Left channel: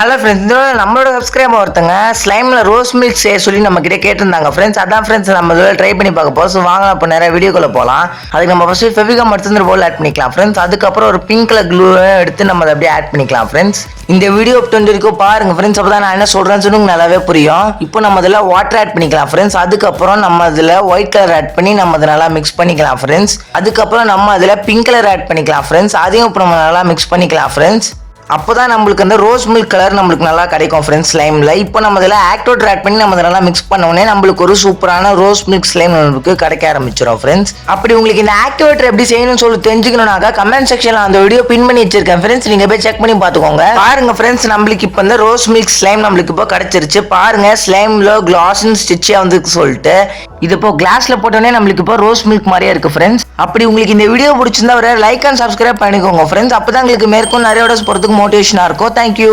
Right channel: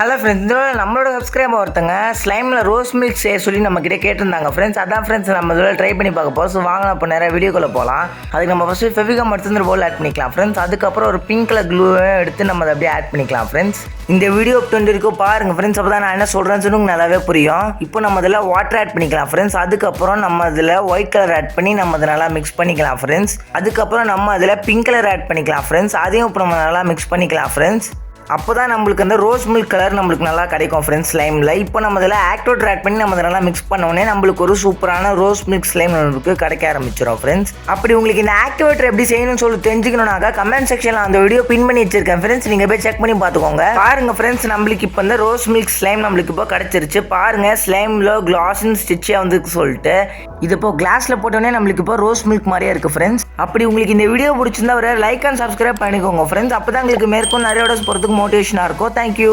Hello friends, நம்மளோட subscriber ஒருத்தங்க ஸ்லைமில் rose milk செய்ய சொல்லி நம்ம கிட்ட கேட்டிருந்தாங்க ஃப்ரெண்ட்ஸ். அதான் ஃப்ரெண்ட்ஸ் நம்ம இதில் ட்ரை பண்ணி பார்க்க போகிறோம். ஸோ வாங்க இப்போ நிறைய வீடியோக்குள்ளே போகலாம். அதுக்கு நம்ம ஃபஸ்ட்டு ஃபெவிகம் எடுத்து போல் ஆட் பண்ணிக்கலாம் ஃப்ரெண்ட்ஸ். அதுக்கப்புறம் ஒரு பிங்க் கலர் க்ளூ எடுத்து நம்ம அதை அப்படியே ஆட் பண்ணிக்கலாம் ஃப்ரெண்ட்ஸ். இந்த வீடியோ வரைக்கும் பாருங்க ஃப்ரெண்ட்ஸ், அப்போ தான் நான் என்ன சொல்கிறேன்னு சொல்லி நல்லாவே புரியும். இப்போ நம்ம இதில் வாட்டர் ஆட் பண்ணிக்கலாம் ஃப்ரெண்ட்ஸ். அதுக்கப்புறம் நம்ம அதில் ஒயிட் கலர் ஆட் பண்ணி நம்ம அதை நல்லா மிக்ஸ் பண்ணிக்கலாம் ஃப்ரெண்ட்ஸ். அதுக்கப்புறம் நம்ம அதில் பிங்க் கலர் ஆட் பண்ணிக்கலாம் ஃப்ரெண்ட்ஸ். அதையும் இப்போ நம்ம நல்லா மிக்ஸ் பண்ணிக்கலாம் ஃப்ரெண்ட்ஸ். அப்போ தான் நம்மளுக்கு அந்த ரோஸ் மில்க் கலர் நம்மளுக்கு நல்லா கிடைக்கும் ஃப்ரெண்ட்ஸ் ஸ்லைமில். இப்போ நம்ம இதில் ஆக்டோட் ஆட் பண்ணி நம்ம நல்லா மிக்ஸ் பண்ணோடனே நம்மளுக்கு ஒரு சூப்பரான ரோஸ் மில்க் ஸ்லைம் நம்மளுக்கு கிடைக்க ஆரம்பிச்சிடும் ஃப்ரெண்ட்ஸ். அப்படி உங்களுக்கு இந்த ஆக்டிவேட்டர் எப்படி செய்யணும்னு சொல்லி தெரிஞ்சுக்கணும்னாக்கா கமெண்ட் செக்ஷனில் அந்த வீடியோ பின் பண்ணி வச்சிருக்கேன் ஃப்ரெண்ட்ஸ். நீங்கள் போய் செக் பண்ணி பார்த்துக்கோங்க. பாருங்க ஃப்ரெண்ட்ஸ், நம்மளுக்கு இப்போ இந்த ரோஸ் மில்க் ஸ்லைம் நம்மளுக்கு இப்போ கிடைச்சிருச்சு. பாருங்க ஸ்லைமில் கிளாஸ்ன்னு ஸ்டிச்சாக வந்து சொல்லிட்டு இது இப்போ கிளாஸ்ல போட்டோன்னே நம்மளுக்கு இப்போ ரோஸ் மில்க் மாதிரியே இருக்கு ஃப்ரெண்ட்ஸ். அப்படி உங்களுக்கு இந்த வீடியோ பிடிச்சிருந்தா ஒரு லைக் அண்ட் சப்ஸ்கிரைப் பண்ணிக்கோங்க ஃப்ரெண்ட்ஸ். அப்போ தான் உங்களுக்கு மேற்கொண்டு நிறைய வீடியோஸ் போகிறதுக்கு மோட்டிவேஷனாக இருக்கும். தேங்க்யூ.